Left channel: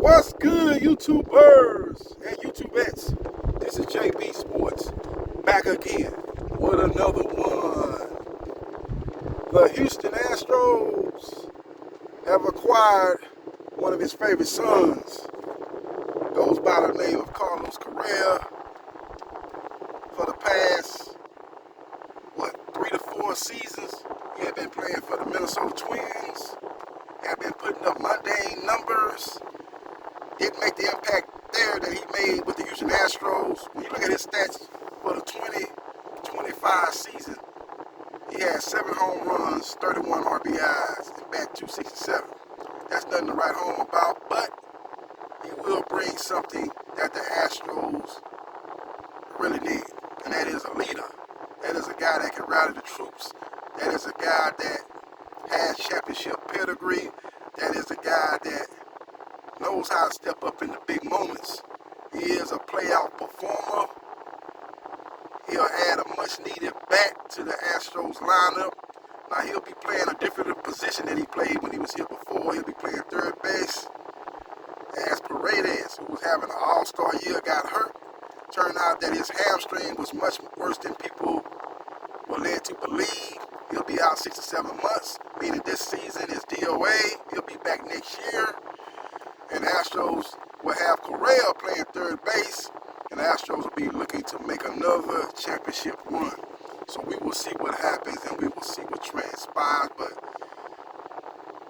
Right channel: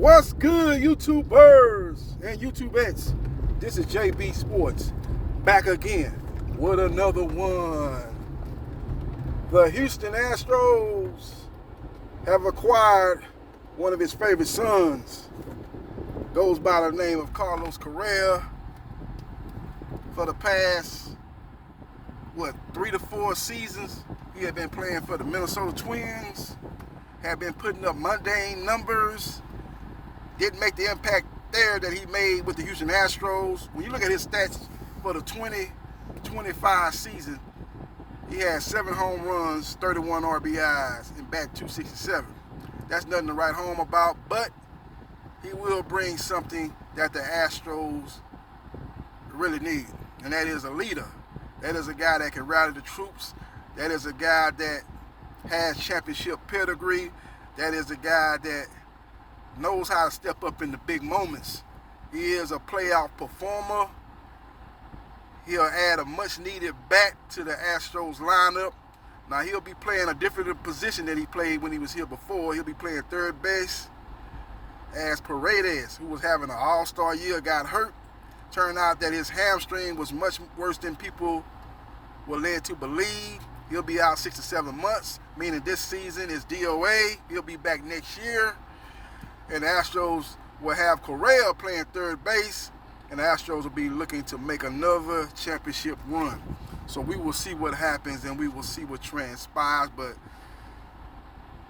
What's good, YouTubers and YouTubettes? This is JB Sports, back again with another one. The Houston Astros have acquired one of his favorite sons. Goes by the name of Carlos Correa. For the past, 3 to 4 seasons, he had been playing for the Minnesota Twins, had been putting up mundane numbers. Didn't make the impact there that he made with the Houston Astros. When you look at his stats for the 20-25 season, he had 7 home runs, 31 RBIs, and bat 267. That's nothing to write home about, but he will bring something that the Astros really need, and that is a leader. That is a guy that can rally the troops. That is a guy that has championship pedigree. That is a guy that knows how to step up in the big moments. He is a playoff performer. He'll add a much-needed bat to the Astros lineup. Now, he'll be playing a different position than he played when he was here before. He'll be playing third base, as Paredes, who was having an all-star year, got hurt. Turned out that his hamstring was much worse than people were led to believe. He'll be out 6 to 7 months, meaning this season is DOA. He'll be back next year. And the Astros will have Correa playing third base, and the Astros will be looking to make another championship run. So we will see what happens, and we will see what transpires. But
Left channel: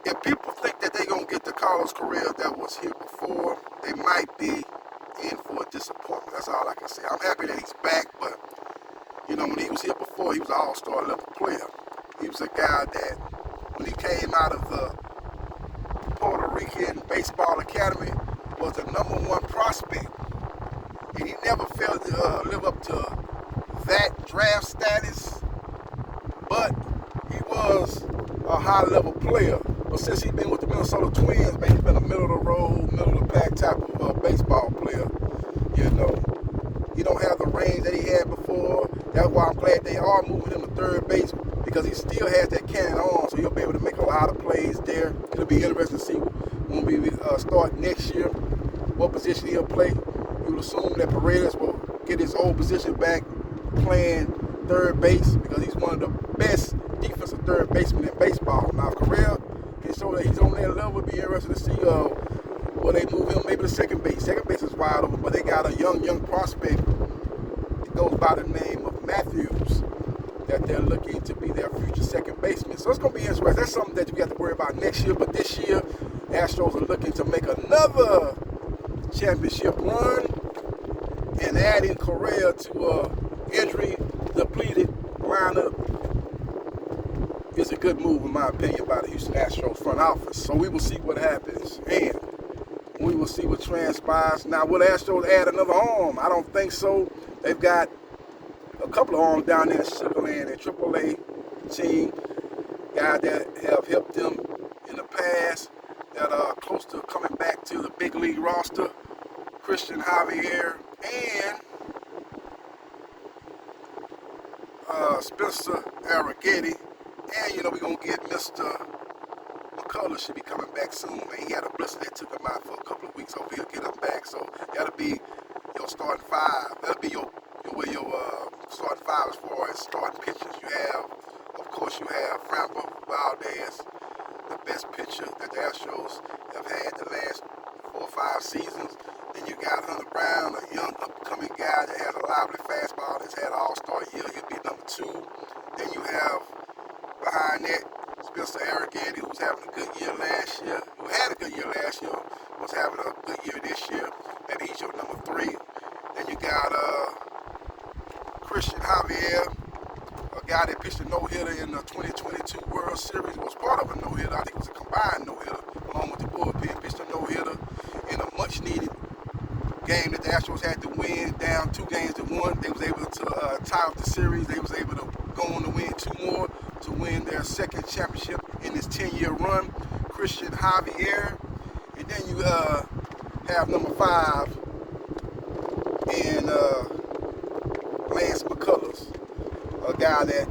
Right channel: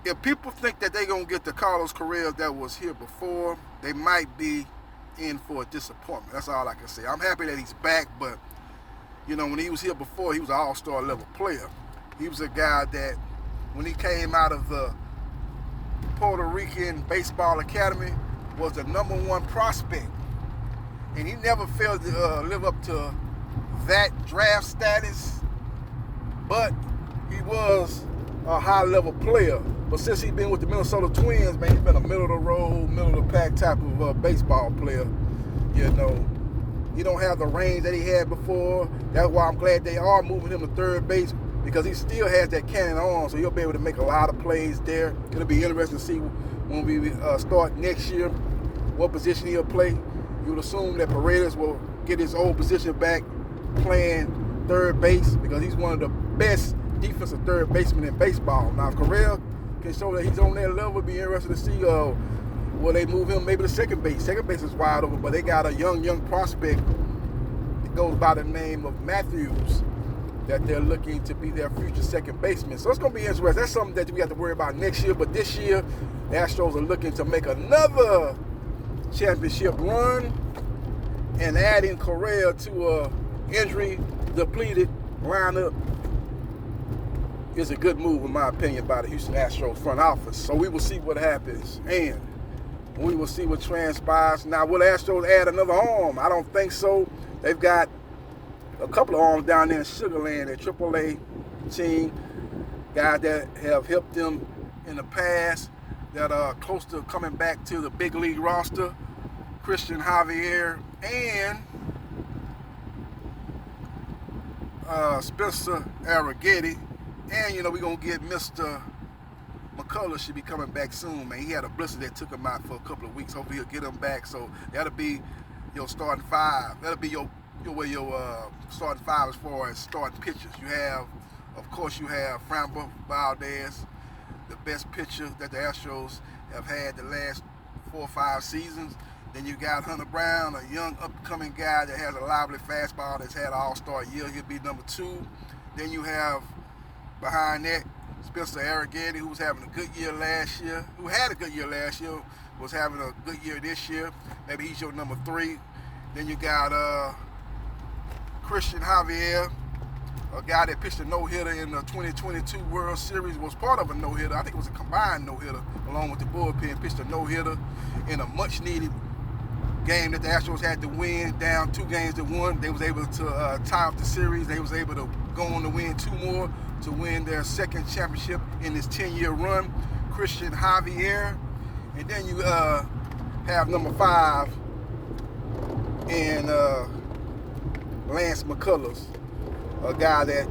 if people think that they're going to get the Carlos Correa that was here before, they might be in for a disappointment. That's all I can say. I'm happy that he's back, but, when he was here before, he was an all-star level player. He was a guy that, when he came out of the Puerto Rican Baseball Academy, was the #1 prospect. And he never failed to live up to that draft status, but he was a high-level player. But since he's been with the Minnesota Twins, man, he's been a middle-of-the-road, middle-of-the-pack type of baseball player. He don't have the range that he had before. That's why I'm glad they are moving him to third base, because he still has that cannon arm, so he'll be able to make a lot of plays there. It'll be interesting to see when we start next year what position he'll play. You would assume that Paredes will get his old position back playing third base, because he's one of the best defensive third basemen in baseball. Now, if Correa can show that he's on that level, it'll be interesting to see will they move him maybe to second base. Second base is wide open, but they got a young prospect that goes by the name of Matthews that they're looking to be their future second baseman. So it's going to be interesting. That's something that we have to worry about next year. But this year, the Astros are looking to make another championship run, and adding Correa to a injury-depleted lineup is a good move, in my opinion, by the Houston Astros front office. So we will see what happens, and we will see what transpires. Now, will the Astros add another arm? I don't think so. They've got a couple of arms down there in Sugar Land, their AAA team, guys that have helped them in the past, that are close to coming back to the big league roster. Christian Javier and Spencer Arrighetti. And, we're going to get Mr. McCullers should be coming back soon, man. He had a blister that took him out for a couple of weeks. Hopefully he'll get him back. So that'll be your starting 5. That'll be your starting 5 as far as starting pitchers. Of course, you have Framber Valdez, the best pitcher that the Astros have had the last 4 or 5 seasons. Then you got Hunter Brown, a young upcoming guy that has a lively fastball that's had an all-star year. He'll be number 2. Then you have behind that Spencer Arrighetti, who was having a good year last year, was having a good year this year. Maybe he's your number 3. Then you got Christian Javier, a guy that pitched a no-hitter in the 2022 World Series, was part of a no-hitter. I think it was a combined no-hitter along with the bullpen. Pitched a no-hitter in a much-needed game that the Astros had to win, down 2 games to 1. They was able to tie up the series. They was able to go on to win 2 more to win their second championship in this 10-year run. Christian Javier. And then you have number 5 and Lance McCullers, a guy that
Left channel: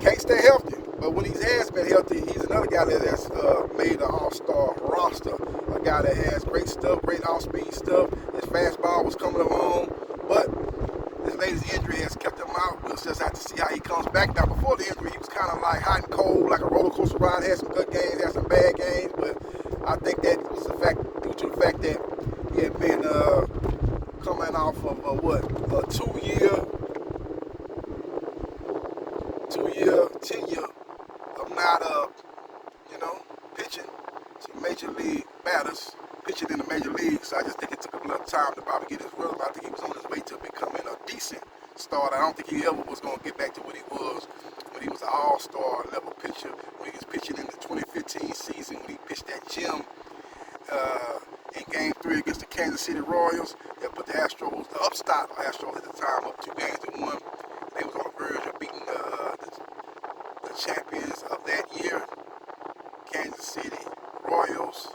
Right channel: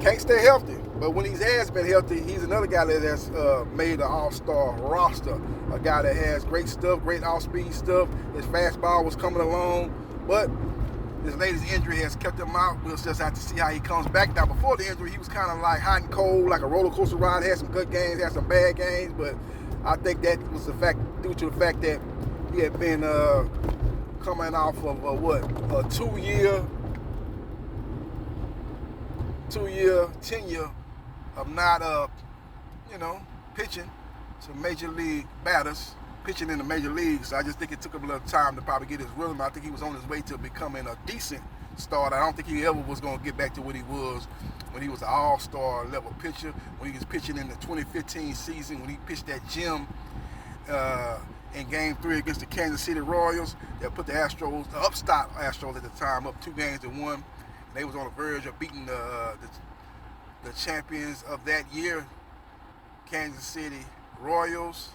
can't stay healthy. But when he has been healthy, he's another guy that has made an all-star roster. A guy that has great stuff, great off-speed stuff. His fastball was coming along, but his latest injury has kept him out. We'll just have to see how he comes back. Now, before the injury, he was kind of like hot and cold, like a roller coaster ride. Had some good games, had some bad games, but I think that was due to the fact that he had been coming off of a two-year tenure of not, pitching to major league batters, pitching in the major leagues. So I just think it took him a little time to probably get his rhythm. I think he was on his way to becoming a decent starter. I don't think he ever was going to get back to what he was when he was an all-star level pitcher, when he was pitching in the 2015 season, when he pitched that gem in Game 3 against the Kansas City Royals. That put the Astros, the upstart Astros at the time, up 2-1. They was on the verge of beating the champions of that year, Kansas City Royals.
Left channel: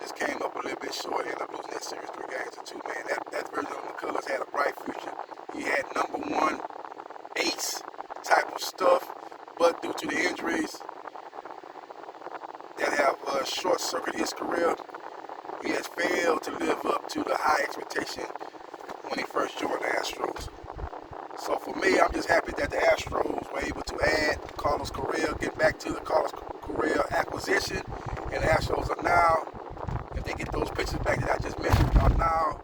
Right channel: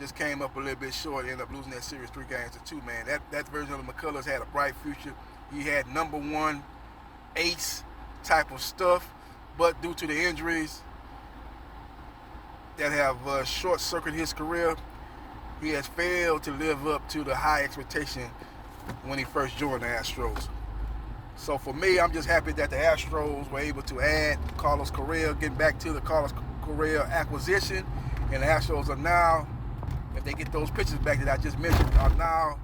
Just came up a little bit short, ended up losing that series 3-2, man. That version of McCullers had a bright future. He had #1 ace type of stuff, but due to the injuries that have short-circuited his career, he has failed to live up to the high expectation when he first joined the Astros. So for me, I'm just happy that the Astros were able to add Carlos Correa, getting back to the Carlos Correa acquisition, and the Astros are now, if they get those pitchers back that I just mentioned, are now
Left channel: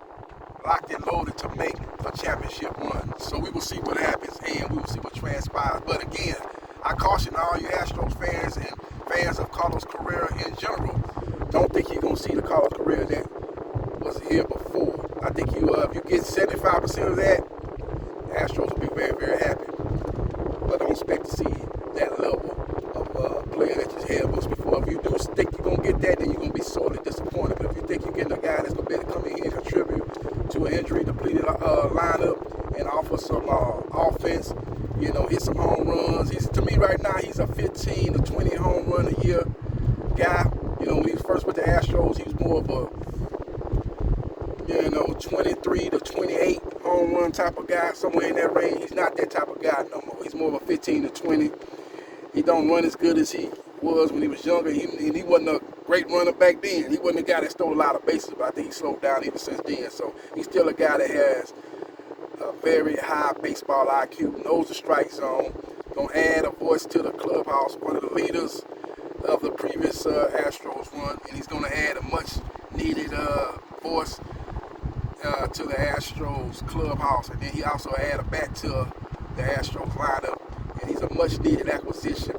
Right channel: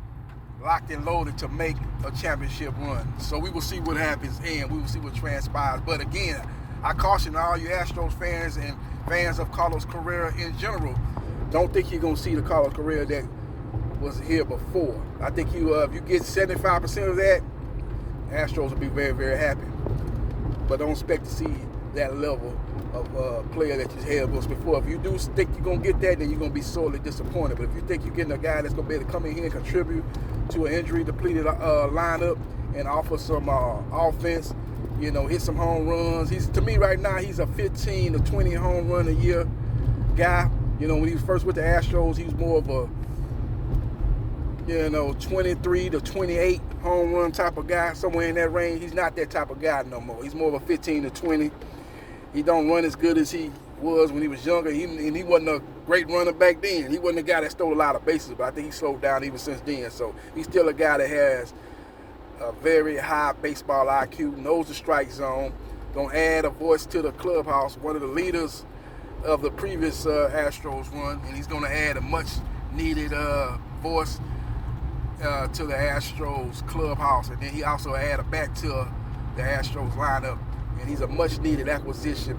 locked and loaded to make a championship run. So we will see what happens and we will see what transpires. But again, I caution all you Astros fans and fans of Carlos Correa in general, don't think you're going to see the Carlos Correa that was here before. I think if you get 75% of that, Astros will be very, very happy. But don't expect to see that level of player that you had was before. If you do think you're going to get that, then you're going to be sorely disappointed. But if you think you're getting a guy that's going to be able to come in here and contribute to an injury-depleted lineup and offer some offense, hit some home runs. To me right now, he's a 15 to 20 home run a year guy. When he first went to Astros, he was more of a 23 to 28 home run type of guy, somewhere in that range. He's not that type of guy no more. He's more of a 15 to 20. He don't run as good as he was when he was younger. He wasn't a great runner back then. He wasn't a guy that stole a lot of bases, but I think he slowed down even since then. So he's still a guy that has a very high baseball IQ, knows the strike zone, gonna add a voice to the clubhouse, one of the leaders of the previous Astros run, and he's gonna add a much needed voice to the Astros clubhouse, and then he also add a bat to the Astros lineup, and he's a much needed acquisition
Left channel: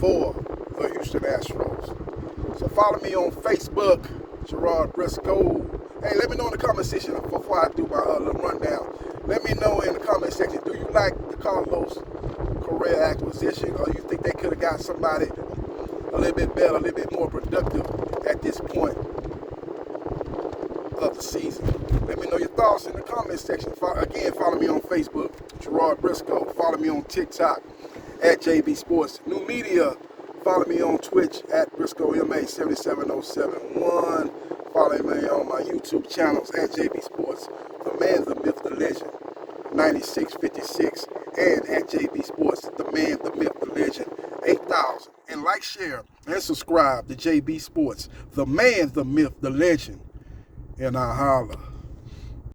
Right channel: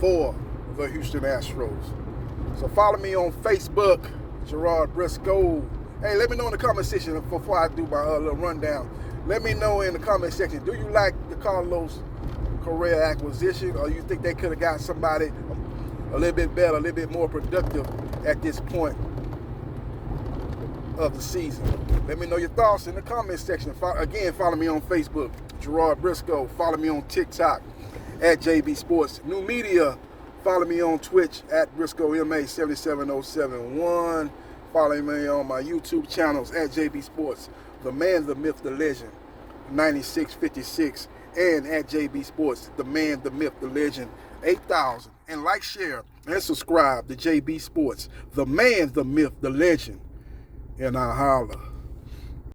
for the Houston Astros. So follow me on Facebook, Gerard Briscoe. Hey, let me know in the comment section before I do my little rundown. Let me know in the comment section, do you like the Carlos Correa acquisition, or you think they could have got somebody a little bit better, a little bit more productive at this point of the season? Let me know your thoughts in the comment section. Again, follow me on Facebook, Gerard Briscoe. Follow me on TikTok at JB Sports New Media. Follow me on Twitch at Briscoe MA77071. Follow me on my YouTube channels at JB Sports, the man, the myth, the legend, 9656, and at JB Sports, the man, the myth, the legend, 8000. And like, share, and subscribe to JB Sports, the man, the myth, the legend, and I holla.